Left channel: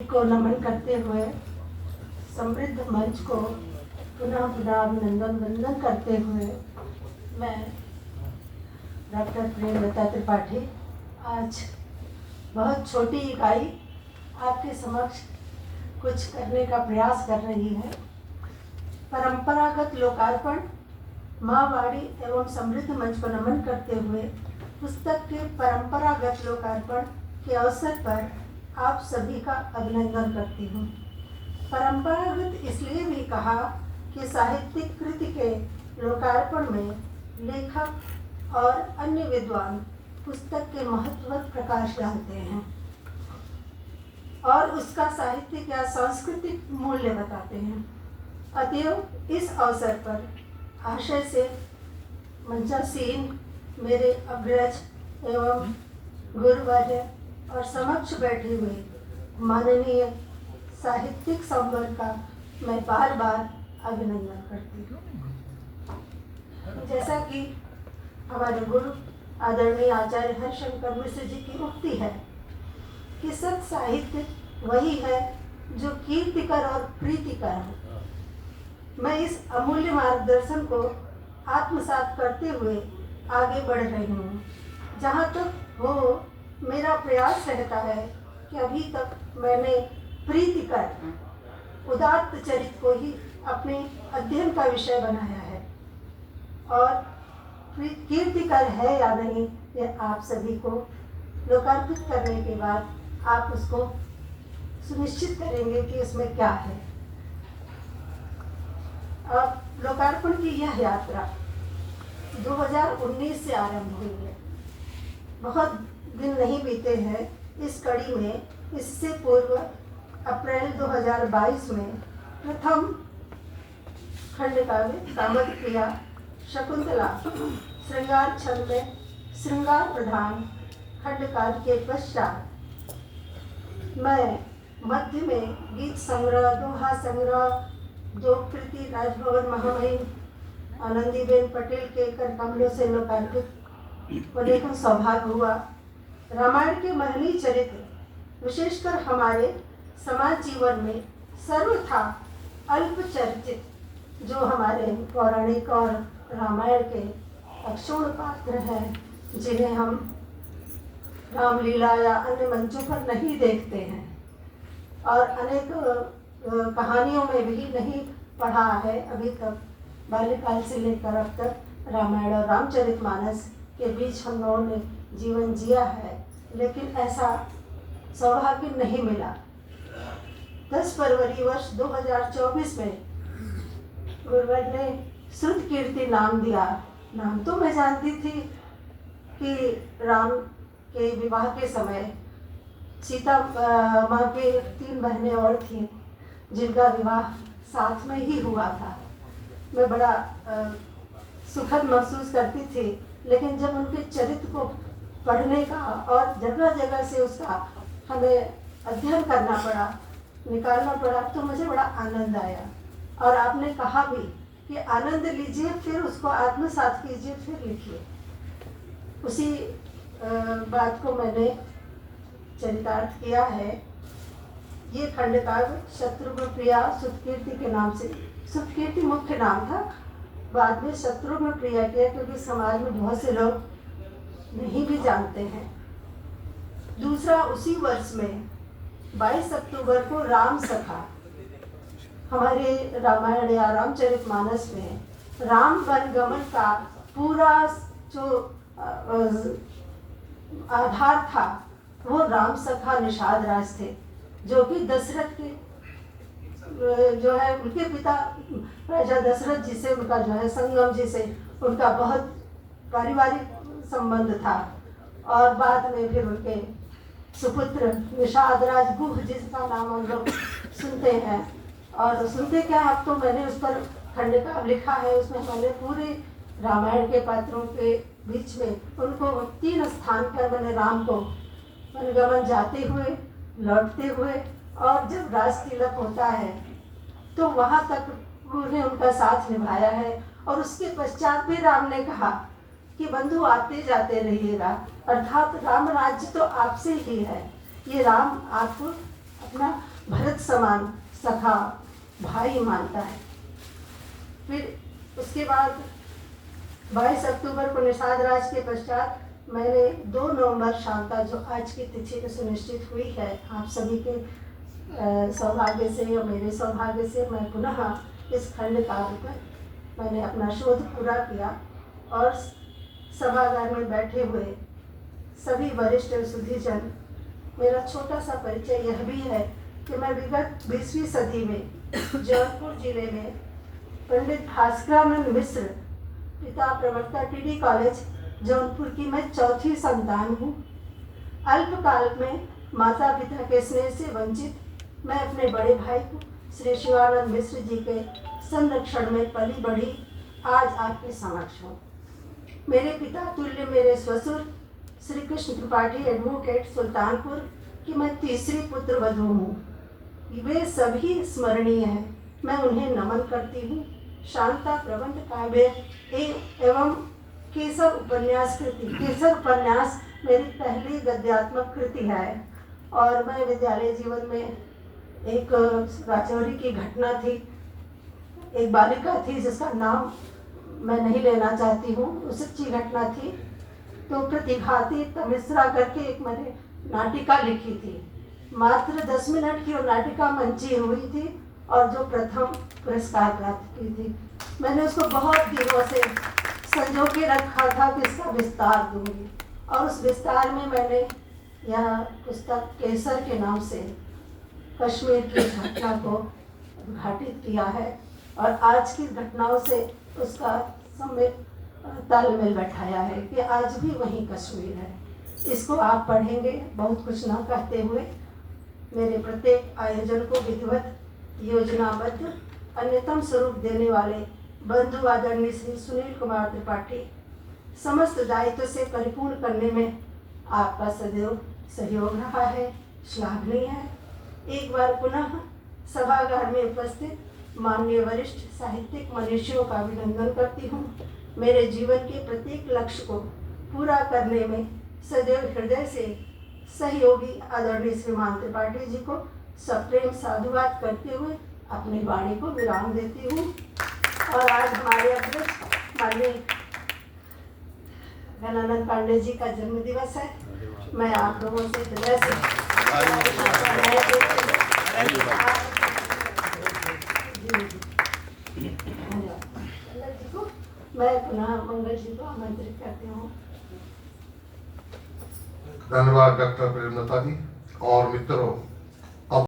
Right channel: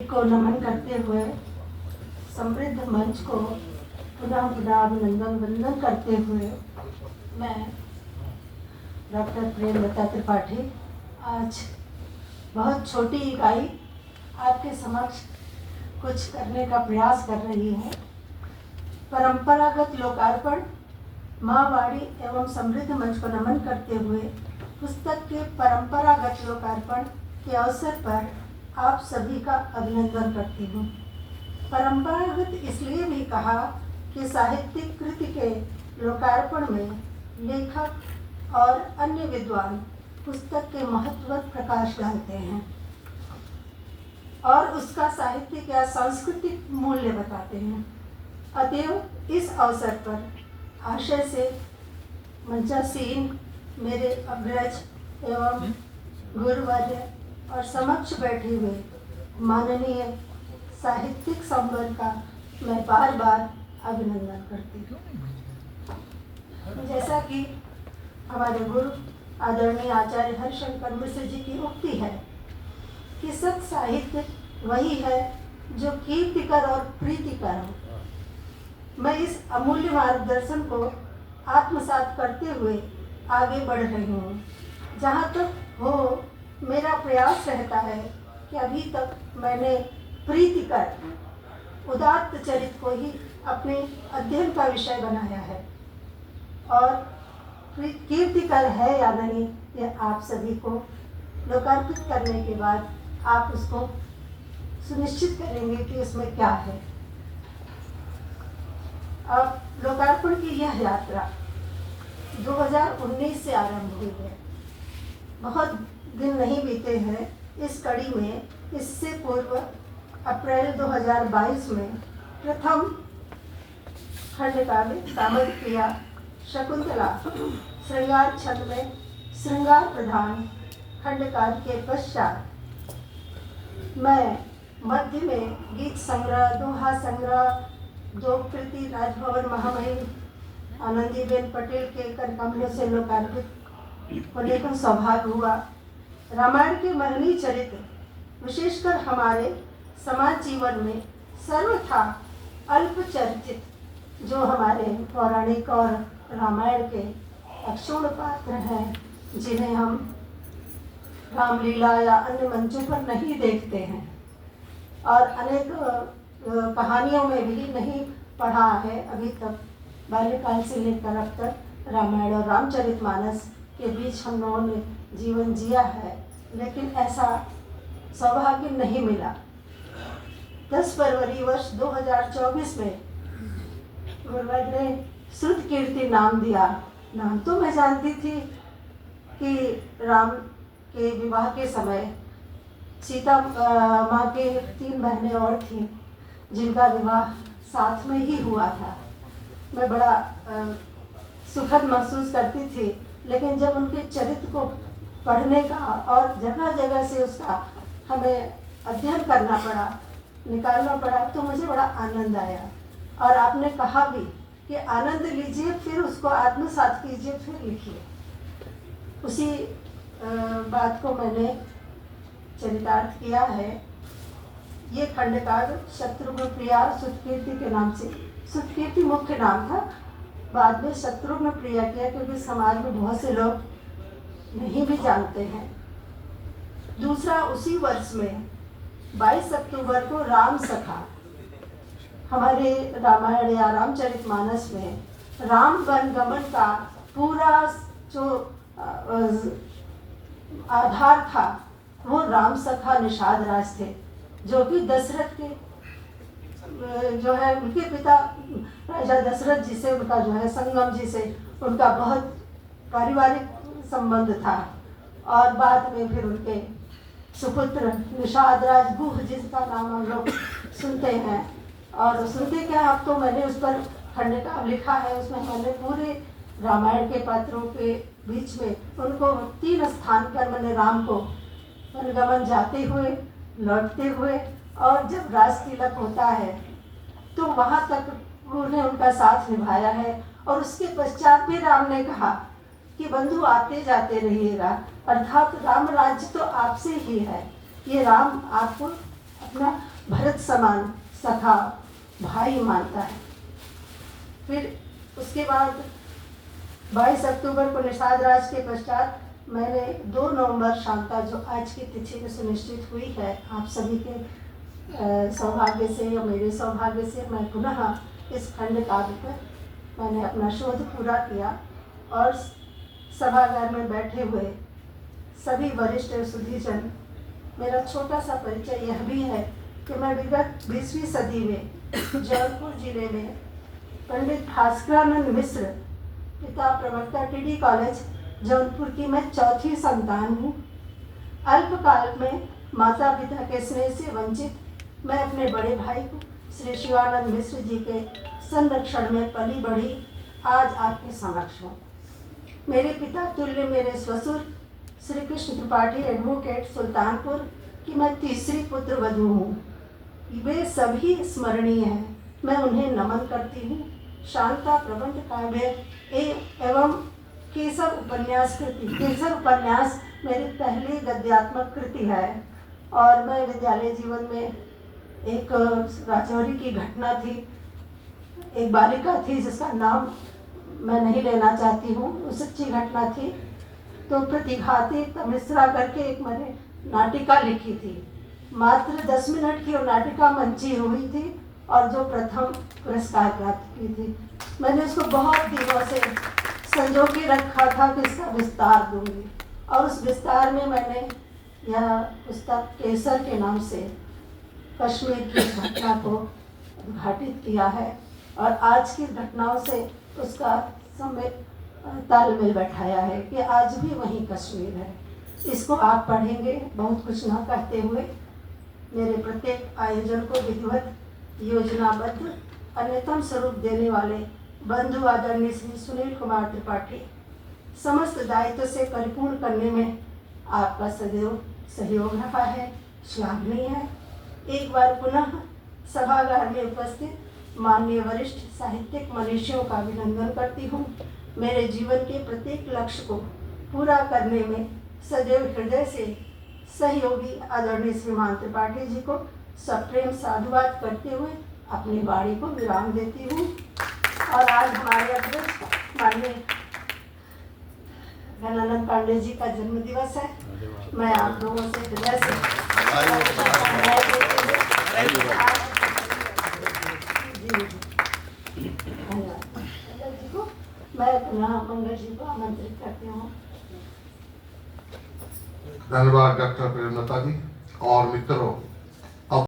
को नमन करते हुए समृद्ध मंच को पुनः पुनः अभिनंदन वंदन करते हुए मैं डॉक्टर प्रेमलता त्रिपाठी आज बहुत छोटी इकाई आपके समक्ष कुछ करने का प्रयास कर रही है। परंपरागत लोकार्पण माँ वाणी एवं समृद्ध मंच को नमन करते हुए पुस्तक के परंपरागत लोकार्पण के अवसर पर आप सभी का अभिनंदन करती हूँ। परंपरागत इसलिए भी कहा कि साहित्यिक कृति के लोकार्पण में लेखक और अन्य विद्वान पुस्तक के महत्व पर प्रकाश डालते हैं और उसका साहित्यिक या सांस्कृतिक मूल्य बताते हैं। अतएव इस अवसर पर आशय से मंचासीन मेरे अग्रज एवं गुरुवर्य और समक्ष बैठे हुए माननीय साहित्यिक संवर्ग का मैं बार बार अभिनंदन करती हूँ। जैसा कि हमारे गुरु आदरणीय आचार्य हरिशंकर मिश्र जी की उक्ति है कि सत साहित्य वही है जो कीर्तिकर और प्रीतिकर हो। मैं इस अमूल्य मार्गदर्शन को आत्मसात करते हुए आगे बढ़ रही हूँ। जहाँ तक हो मेरा प्रयास रहता है कि अभी तक मैंने प्रीतिकर उदात्त चरित्र को ही अपने अध्ययन का विषय बनाया है और कीर्तिकर है या नहीं यह आप सभी को लोकार्पित करने के बाद आप उसको सुनिश्चित करेंगे कि उसमें क्या है। अब लोकार्पण की यह यात्रा 2019 से आरंभ हुई है। बहुत दिन नहीं बीते हैं इस कड़ी में। इससे पूर्व अप्रैल 2022 में प्रथम खंडकाव्य कामोदप्रिया शकुंतला श्रृंगार छंद में श्रृंगार प्रधान खंडकाव्य के पश्चात मैं मध्य में गीत संग्रह, दोहा संग्रह, दो कृति राजभवन महामहिम आनंदीबेन पटेल के कर कमलों से लोकार्पित होने का सौभाग्य हुआ। रामायण के महनीय चरित्र विशेषकर हमारे समाज जीवन में सर्वथा अल्प चर्चित जो हमारे पौराणिक और रामायण के अक्षुण्ण पात्र हैं, जिन्हें हम रामलीला या अन्य मंचों पर नहीं देखते हैं और अनेक कहानियों में भी नहीं पढ़ा है अभी तक, बाल्यकाल से लेकर अब तक रामायण और रामचरितमानस के बीच हम लोगों ने जीवन जिया है, लेकिन ऐसा सौभाग्य नहीं मिला। 10 फरवरी वर्ष 2024 में गुरुवर ने श्रुत कीर्ति नाम दिया। नाम तो मैं जानती थी कि राम के विवाह के समय सीता माँ के 3 बहनें और थीं जिनका विवाह साथ में ही हुआ था। मैं बड़ा सुखद महसूस करती थी, लेकिन जब उनके चरित्र को पढ़ने का और जगह जगह से उसका हमें अध्ययन करना पड़ा, निकालना पड़ा, तो मुझे बड़ा आनंद आया। और आपने कहा भी कि आनंद लीजिए, फिर उसको आत्मसात कीजिए, फिर लिखिए। उसी बात को मैंने चरितार्थ किया है। ये खंडकाव्य शत्रुघ्न प्रिया सुतकीर्ति के नाम से, सुतकीर्ति मुख्य नाम था, बाद में शत्रुघ्न प्रिया किया क्योंकि समाज में बहुत से लोग नहीं भी जानते हैं। दूसरा, उसी वर्ष में 22 अक्टूबर को राम सखा, हमारे रामायण या रामचरितमानस में राम वन गमन का पूरा जो आधार था वो राम सखा निषाद राज थे, जो कि दशरथ के जो है उनके पिता राजा दशरथ जी से उनका जो है संगम जी से उनका बहुत पारिवारिक संबंध था। और बाद में फिर उनके सुपुत्र निषाद राज गुह जिसका नाम हम लोग सुनते हैं। और सुनते क्या, अब तो मैंने उस पर खंडकाव्य लिखा है। उसमें मैंने पूरे रामायण के पात्रों के बीच में उनको 3 स्थान पर मैंने राम को वनगमन जाते हुए, लौटते हुए और जब राज तिलक होता है तो वहाँ तक उन्होंने उनका साथ निभाया है। और उसके पश्चात भी राम ने कहा कि बंधु आते जाते रहिएगा, अर्थात राम राज्य तो आपसे ही है। ये राम आपको अपना भरत समान सखा भाई मानता है। फिर उसके बाद 22 अक्टूबर को निषाद राज के पश्चात मैंने 2 नवंबर शाम का जो आज की तिथि में सुनिश्चित हुई है आप सभी के सौभाग्य से या मेरे सौभाग्य से, मैं पुनः इस खंड काव्य पर मैंने अपना शोध पूरा किया और सभागार में बैठे हुए सभी वरिष्ठ सुधीजन, मेरा छोटा सा परिचय यह भी है कि मैं विगत 20वीं सदी में जौनपुर जिले में पंडित भास्करानंद मिश्र पिता प्रवक्ता टीडी कॉलेज जौनपुर की मैं चौथी संतान हूँ। अल्पकाल में माता पिता के स्नेह से वंचित मैं अपने बड़े भाई को श्री शिवानंद मिश्र जी के संरक्षण में पली बढ़ी आज आपके समक्ष हूँ। मेरे पिता तुल्य मेरे ससुर श्री कृष्ण त्रिपाठी एडवोकेट सुल्तानपुर की मैं तीसरी पुत्र वधू हूँ। वे सभी स्मरणीय हैं, मैं उन्हें नमन करती हूँ। शांता प्रबंध काव्य एवं केसर उपन्यास मेरी पहली गद्यात्मक कृति है और मैं विद्यालय जीवन में एक राजौरी की घटना थी, एक बालिका थी जिसका नाम मैं नहीं लेना चाहती हूँ, वो सच्ची घटना थी। तो प्रतिघाती तमिश्रा करके एक मैंने नाटिका लिखी थी, मात्र 10 मिनट की वो नाटिका मंची हुई थी और जो प्रथम पुरस्कार प्राप्त की थी। मैंने उसको बहुत दिनों से संजो के रखा था कि इसका विस्तार दूंगी और उस विस्तार में मैंने यह पुस्तक केसर के नाम से कश्मीर की घटना को उद्घाटित किया है और आज की घटनाओं से उसका तालमेल बैठाया है कि आज भी वही कश्मीर है। इसको आप पढ़ेंगे बहुत कुछ ना कहते हुए मेरे प्रत्येक आयोजन को विधिवत योजनाबद्ध अन्यतम स्वरूप देने वाले बंधु आदरणीय श्री सुनील कुमार त्रिपाठी समस्त दायित्व से परिपूर्ण करने में आपका सदैव सहयोग रहा है, श्लाघनीय है। एक बार पुनः सभागार में उपस्थित माननीय वरिष्ठ साहित्यिक मनीषियों का अभिनंदन करती हूँ। मेरे जीवन के प्रत्येक लक्ष्य को पूरा करने में सदैव हृदय से सहयोगी आदरणीय श्रीमान त्रिपाठी जी को सप्रेम साधुवाद करते हुए अपनी वाणी को विराम देती हूँ। और आज हमारे अध्यक्ष माननीय घनानंद पांडे जी का जन्म दिवस है। मैं आप लोगों से हृदय से मैं पुनः मंगल जी को आमंत्रित करती हूँ। धन्यवाद डॉक्टर प्रेमलता जी और मित्रों।